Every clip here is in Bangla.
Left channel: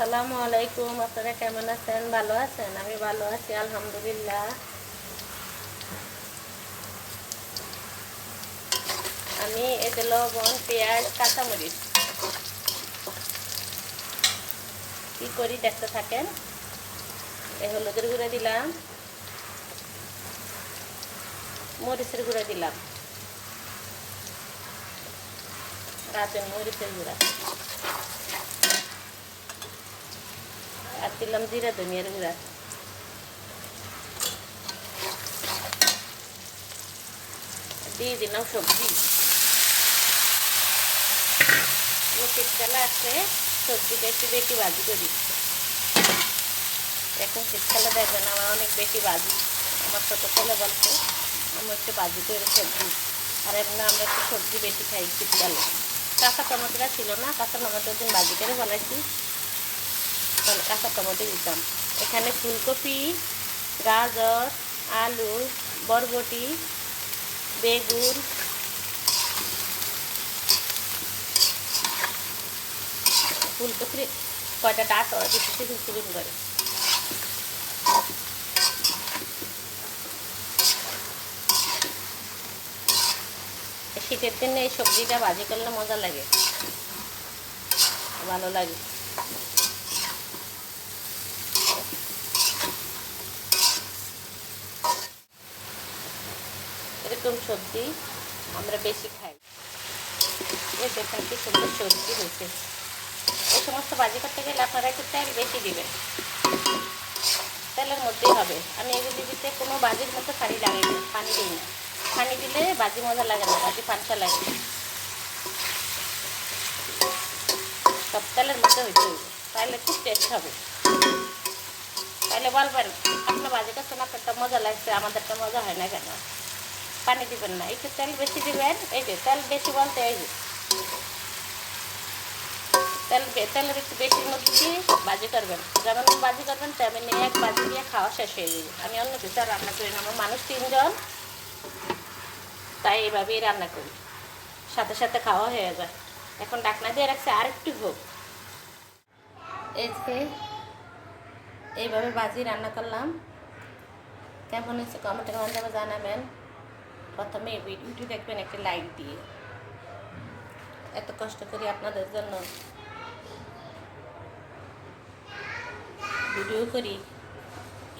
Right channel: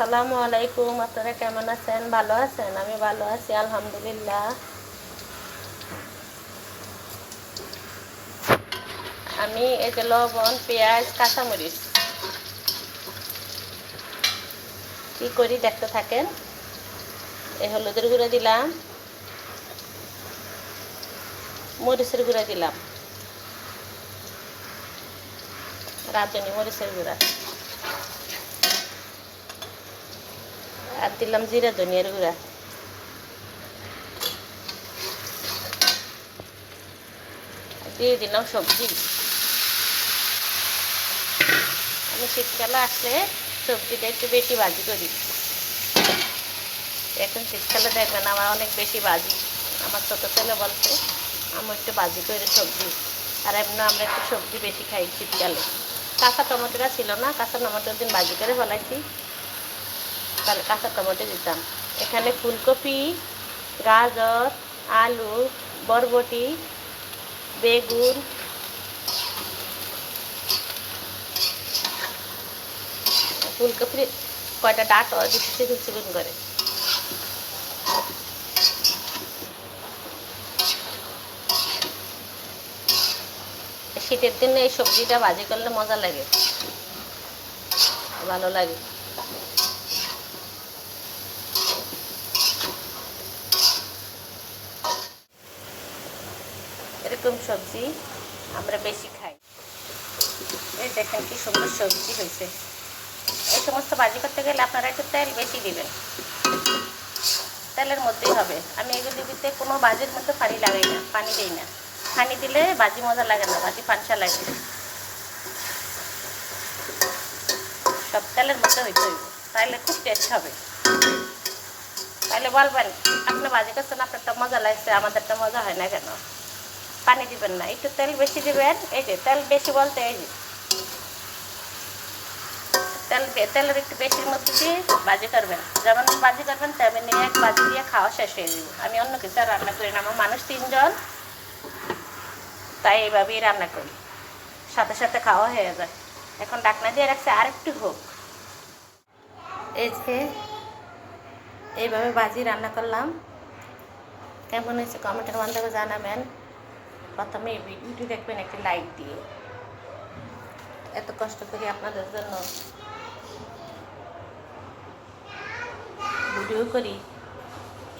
আসসালামু আলাইকুম। আপনারা কেমন আছেন? ভালো আছেন? আমি ভালো আছি আলহামদুলিল্লাহ। আমি এই যে লবণ, পেঁয়াজ, কাঁচামরিচ কি করি দেখতে থাকেন। এই হলুদের গুঁড়া দিলাম, মরিচের গুঁড়া দিলাম, রাঁধুনি মরিচের গুঁড়া, আর দিলাম জিরা ধনিয়ার গুঁড়া। দিয়ে দিলাম সবজি। আমি শীতকালে আসলে সবজিটা একটু বেশি ভাজি করি। এখন শীতকালে দেখবেন আমার অনেক বেশি ভাজি। আমার ছোটো ছেলে বলছে আমি একটু ভাজি করে সবজি, আর এমনি আমরা একটু সবজি বেশি খাই শীতকালে। কাঁচা টমেটোটা ছিল না, কাঁচা টমেটোর দিন ভাজি করে ফেলাইছি, তাহলে কাঁচা টমেটো দিতাম। এখানে ফুলকপি, গাজর, আলু, বরবটি, বেগুন, ফুলকপির কয়টা ডাঁটও দিচ্ছি চিকন চিকন করে। শীতের দিনে এই সবজিটা ভাজি করলে মজা লাগে, ভালো লাগে। এরকম সবজি আমরা বেশি খাই। এই দেখেন কি সুন্দর সবজি হয়েছে। এই সমস্ত ভাজি করতে গেলে আপনারা একটু তেল বেশি দিবেন, তেলের মধ্যেই হবে। আমি এগুলো দিতে কোনো ভাজির মধ্যে পানি লাগাই না, পানি দিই না। পানি দিলে ভাজি মজা লাগে না, ভাজি পানসা লাগে। সব তেলের মধ্যে হইতে হইবে, তাহলে খুব টেস্ট হবে। তাহলে বলবেন আপনি ভাজি করছেন, আপনারটা মজা লাগছে, আমাদেরটা মজা হয় না কেন? পানি দিবেন না, একটু তেল বেশি দিবেন। এই যে তেল বেশি বলতে এই যে তেলের একটু বেশির মধ্যে দিয়ে ভাজি করবেন। যেমন ভাজি করবেন তেমনি এক ভাজি দিয়ে খাওয়া শেষ হয়ে যাবে। আমি অন্য কিছু আর রান্না করি না, আমার মানুষ 3 জন, তাই এইভাবেই রান্না করি, সাথে সাথে খাওয়া হয়ে যায়। এখন ঢাকনা দিয়ে রাখছি আর একটু হোক। এই যে এইভাবে ভাজি রান্না করলাম, কেমন হয়েছে কমেন্টের মাধ্যমে জানাবেন। প্রথমে এই ভিডিওটি দেখবেন একটি লাইক দিয়ে। এত কষ্ট করি আপনাদের জন্য ভিডিও করি,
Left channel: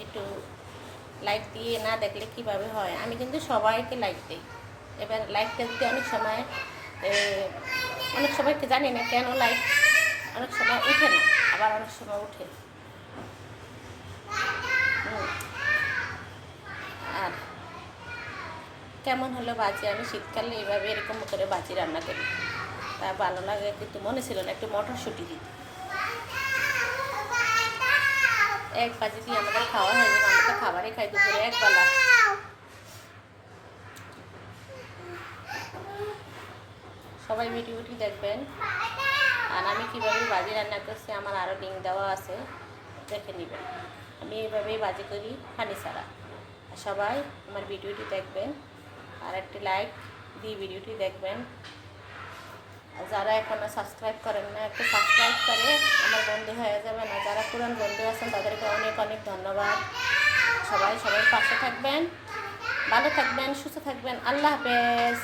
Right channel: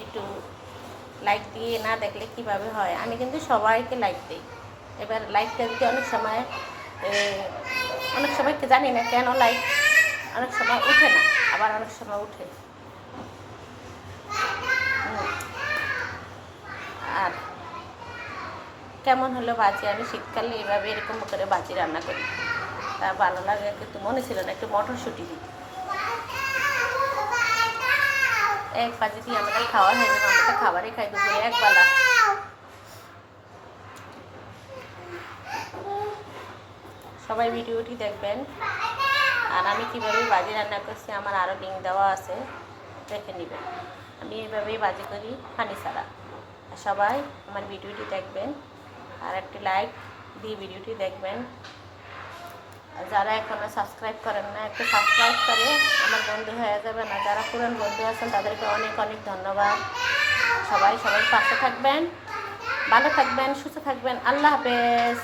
একটু লাইক দিয়ে না দেখলে কিভাবে হয়? আমি কিন্তু সবাইকে লাইক দিই। এবার লাইকটা দিতে অনেক সময়কে জানি না কেন লাইক অনেক সময় উঠে না, আবার অনেক সময় উঠে। আর কেমন হলো ভাজি? আমি শীতকালে এভাবে এরকম করে ভাজি রান্না করি, তা ভালো লাগে। কিন্তু মনে ছিল না একটু মটরশুঁটি দিতে। এক ভাজি দিয়ে আমাদের খাওয়া হয়ে যাবে, আমরা তো খাবারই খাই দুপুরে একবেলা। সবাই ভিডিওটি দেখবেন। আর আমি কীভাবে ভাজি রান্না করছি আমার আরও লিঙ্ক দেওয়া আছে, দেখে নেবেন। আমি এইভাবেই ভাজি করি পানি ছাড়া। আর সবাই আমার ভিডিওটি দেখবেন, আর একটি লাইক দিয়ে ভিডিওটি দেখবেন। আর যারা এখনও সাবস্ক্রাইব করেন না, একটু সাবস্ক্রাইব করে আমার বন্ধু হয়ে যাবেন। আর যারা পুরান বন্ধু আছেন তাদেরকে অনেক অনেক ধন্যবাদ। সবাই পাশে থাকবেন, ভালো থাকবেন, সুস্থ থাকবেন। আল্লাহ হাফেজ।